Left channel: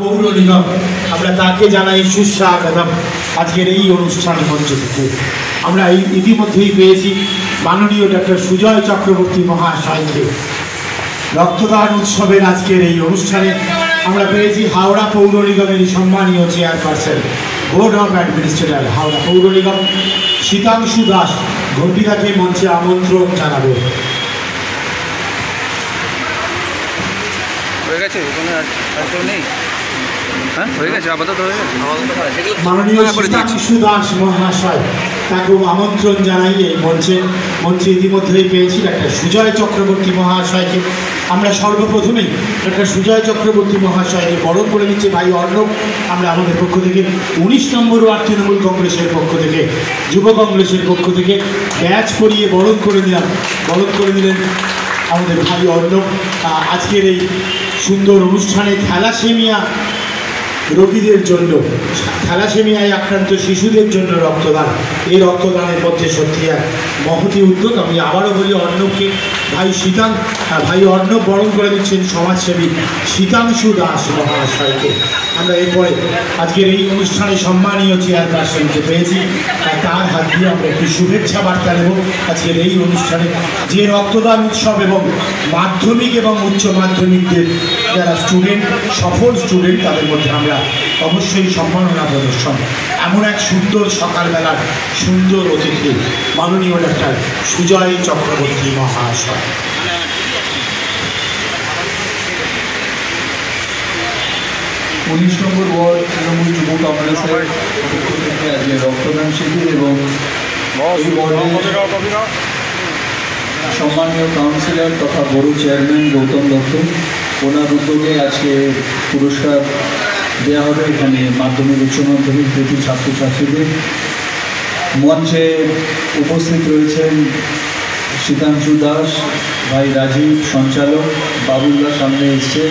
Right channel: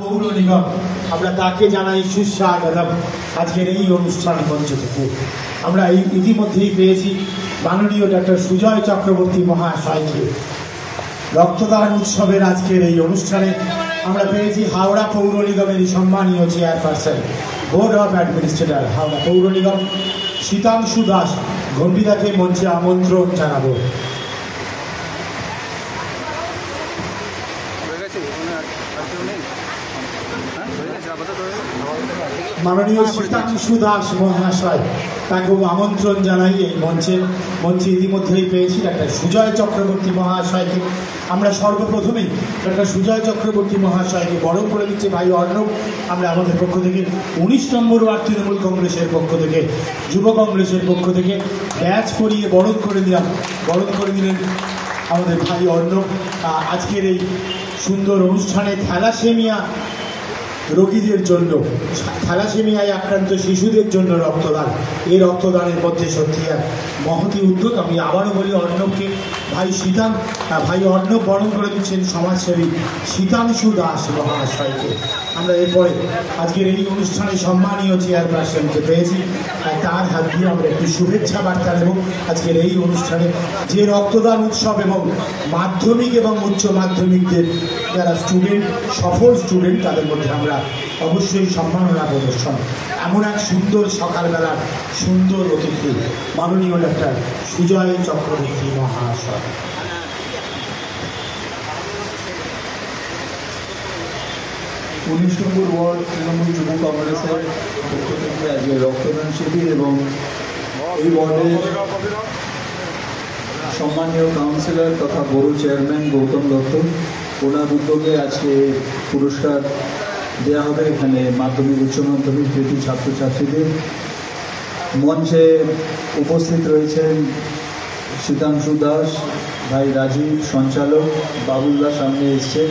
পৌর নিগম আমরা তাকে জানাই সুস্বাগতম আজকের এই অনুষ্ঠান মঞ্চ থেকে। আমরা ইতিমধ্যেই পেয়েছি মাননীয় ডক্টর সুজয় চক্রবর্তী মহাশয়কে রক্তদান উৎসবের আজকের এই অনুষ্ঠানে। আমরা পেয়েছি হাওড়া পৌর নিগমের সম্মানীয় chairperson board of administrator Howrah পৌর নিগম শীতাংশু দাস ঘটিদাকে মঞ্চে আমন্ত্রণ জানাবো। মাননীয় শীতাংশু দাস মহাশয় তাকেও আমন্ত্রণ জানাই এই মঞ্চে ইতিমধ্যেই পেয়েছি ডাক্তার সুজয় চক্রবর্তী মহাশয়কে। আমরা সর্বপ্রথমেই ডাক্তার সুজয় চক্রবর্তী মহাশয়কে বরণ করে নিচ্ছি ভাই অর্ণব। আমরা আমাদের পক্ষ থেকে 19 নম্বর ওয়ার্ড তৃণমূল কংগ্রেসের পক্ষ থেকে যুব কংগ্রেসের পক্ষ থেকে ব্যাচ পরিয়ে বরণ করে দিলেন আমাদের ভাই অর্ণব। আজকের এই সুন্দর অনুষ্ঠানে থ্যালাসেমিয়া রোগীদের জন্য, থ্যালাসেমিয়ায় আক্রান্ত শিশুদের জন্য রক্তদান, এই রক্তদানের মধ্যে সত্যি এক মহতি উদ্যোগ। আমি আবারও বলি অর্ণবকে ভাই অর্ণব বরণ করে দিচ্ছেন সমাজসেবী শীতাংশু দাস মহাশয়কে। আমরা এরপরে আজকের এই অনুষ্ঠানে সম্মানীয় চেয়ারপারসনকে পেয়েছি, তার হাত দিয়ে আমরা একটি শুভেচ্ছা বার্তা নেব আজকের এই অনুষ্ঠানে। যে রক্তদান উৎসব এবং মাধ্যমিক এবং উচ্চ মাধ্যমিকদের যারা স্টুডেন্ট, সফল স্টুডেন্ট, তাদের মধ্যে আমরা অবশ্যই সম্মাননা প্রদর্শন। এমন এক সুন্দর সকালবেলার সুন্দর অতিথি মাননীয় ডাক্তার সুজয় চক্রবর্তী মহাশয়। 19 নম্বর ওয়ার্ড তৃণমূল যুব কংগ্রেসের পক্ষ থেকে আজকে রক্তদান শিবির এবং এই ওয়ার্ডের সম্মানীয় কাউন্সিলর তথা বড় চেয়ারম্যান গৌতম দত্ত, ওনার উদ্যোগে আজকে পুরস্কার দেওয়া হবে এখানে মাধ্যমিক উচ্চ মাধ্যমিক প্রতি ছাত্রছাত্রীদের। মঞ্চে উপস্থিত রয়েছেন শীতাংশু দাস, ভাই রাজীব সঞ্চালক, বাবুল্লা সামনে এসছে।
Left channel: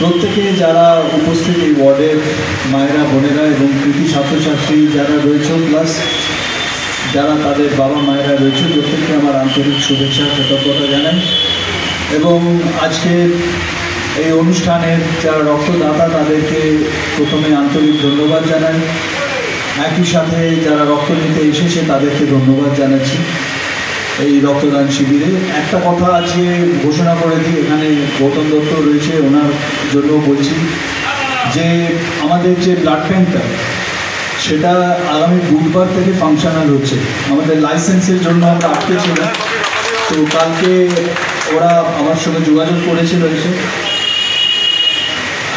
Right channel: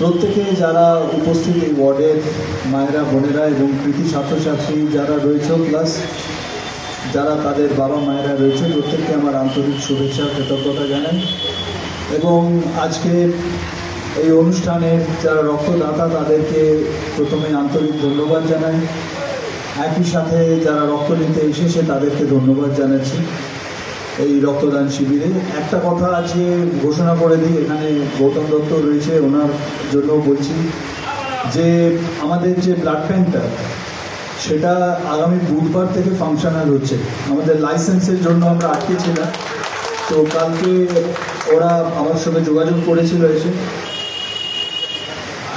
প্রত্যেকে যারা উপস্থিত এই ওয়ার্ডের মায়েরা বোনেরা এবং কৃতি ছাত্রছাত্রী যারা রয়েছে, প্লাস যারা তাদের বাবা মায়েরা রয়েছে, প্রত্যেককে আমার আন্তরিক শুভেচ্ছা কৃতজ্ঞতা জানাই। এবং আজকের এই অনুষ্ঠানের যারা রক্তদাতা তাদেরকে প্রথমে আন্তরিক ধন্যবাদ জানাই। একই সাথে যারা রক্ত নিতে এসেছে তাদেরকে ধন্যবাদ জানাচ্ছি। এই রক্তদান শিবিরে একটা কথা আজকে ঘোষণা করে দিই, এখানে গৌতম দত্ত রয়েছে, ওনার জন্য বলছি যে আমাদের যে ব্লাড ব্যাঙ্কটা সেটা আগামী বুধবার থেকে ফাংশনাল হচ্ছে। আমাদের লাইসেন্সের জন্য আমরা আটকে ছিলাম, তো কালকে ওরা আমার সঙ্গে যোগাযোগ করেছিল এসে,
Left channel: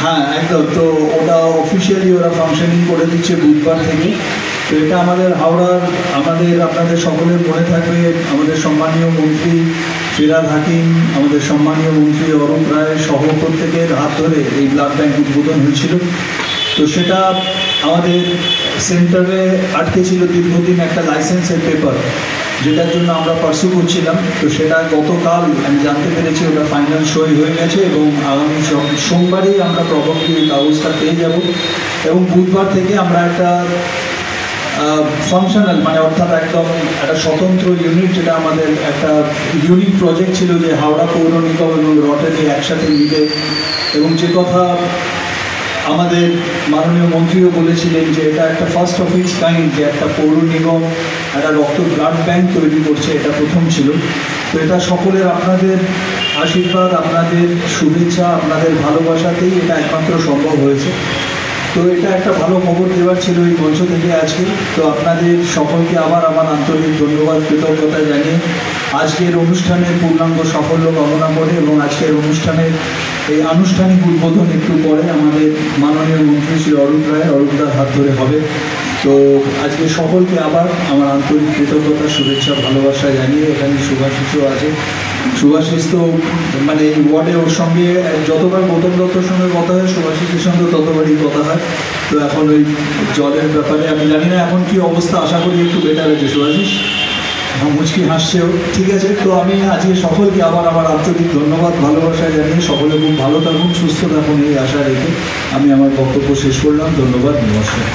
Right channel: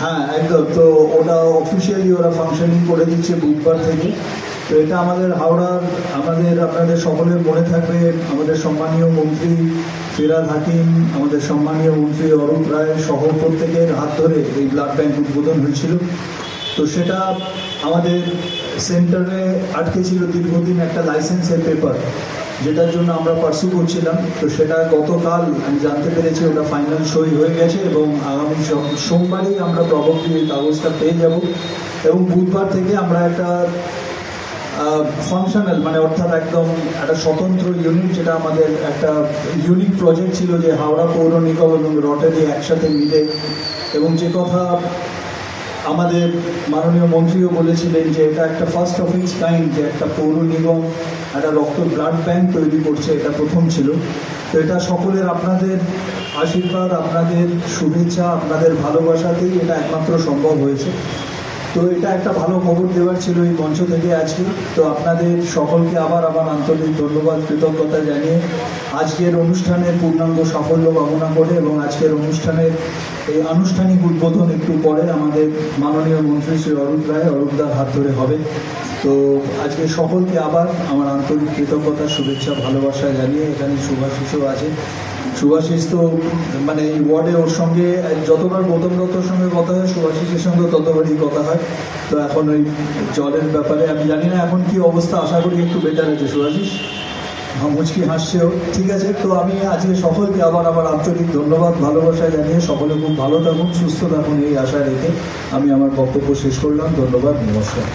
হ্যাঁ একদম, তো ওটা অফিসিয়ালি ওরা ফাংশনিং করে দিচ্ছে বুধবার থেকে। তো এটা আমাদের হাওড়ার আপনাদের সকলের মনে থাকবে আমাদের সম্মানীয় মন্ত্রী ফিরহাদ হাকিম, আমাদের সম্মানীয় মন্ত্রী অরুণ রায় সহ প্রত্যেকের হাত ধরে এই ব্লাড ব্যাঙ্ক উদ্বোধন হয়েছিল। তো সেটা আমাদের সেন্টারে আটকে ছিল দীর্ঘদিন একটা লাইসেন্সের পেপার, যেটার জন্য আমরা পার্সু করছিলাম। তো সেটা গতকাল আমি জানতে পেরেছি ওটা ফাইনাল সই হয়ে গেছে এবং আগামী সোমবারই আমরা প্রবলি এই কাগজটা পেয়ে যাব। এবং বুধবার থেকে আমরা একটা ফাংশনাল মানে অর্থাৎ একদম একটা স্বতন্ত্র ইউনিট, যেটা আমাদের একটা ইউনিক প্রজেক্ট ছিল যে হাওড়া পৌর নিগম এবং রটারি একসাথে মিলে, এবং যে কথা আমাদের মাননীয় মন্ত্রীও বলেছিলেন যে এটা একটা ফার্স্ট অফ ইটস কাইন্ড, যে একটা পৌর নিগম একটা রক্ত ব্লাড ব্যাঙ্ক তৈরি করছে, এটা প্রথম ছিল। তো এটা সকলের আপনাদের আশীর্বাদ, আপনাদের শুভেচ্ছা, আপনাদের ভালোবাসাতেই এটা একমাত্র সম্ভব হয়েছে। তো এটা একটা ভালো খবর দেওয়ার ছিল এই মঞ্চ থেকে আজকে। তো আপনাদের সকলকে আবার আমার আন্তরিক ধন্যবাদ কৃতজ্ঞতা জানিয়ে আজকের অনুষ্ঠানের পূর্ণাঙ্গ সাফল্য কামনা করে এবং আজকের অনুষ্ঠানের এই আনুষ্ঠানিক উদ্বোধন একটু পরে আমাদের মাননীয় মন্ত্রী শ্রী অরূপদার হাত ধরে হবে। তো আজকে সকলকে আবার আমার আন্তরিক কৃতজ্ঞতা শুভেচ্ছা ভালোবাসা জানিয়ে, এখানে শুভাশিসও আছে। শুভাশিস তো মানে এই ওয়ার্ডে ওর সঙ্গে যতবার গৌতম দত্তর সঙ্গে কথা হয়, শুভাশিসের সঙ্গে ততবারই কথা হয়। তো এখন ওই জলের ব্যাপারে আমি জানি না এখন কি অবস্থা, আশা করি একটু বেটার হয়েছে শুভাশিস, মুচকি হাসছেও, ঠিক আছে। তো আমি আজকে সকলকে আবার আমার আন্তরিক ধন্যবাদ ভালোবাসা জানিয়ে সকলে খুব ভালো থাকুন, সুস্থ থাকুন এই আশা রেখে আমি আমার বক্তব্য শেষ করলাম। ধন্যবাদ, নমস্কার।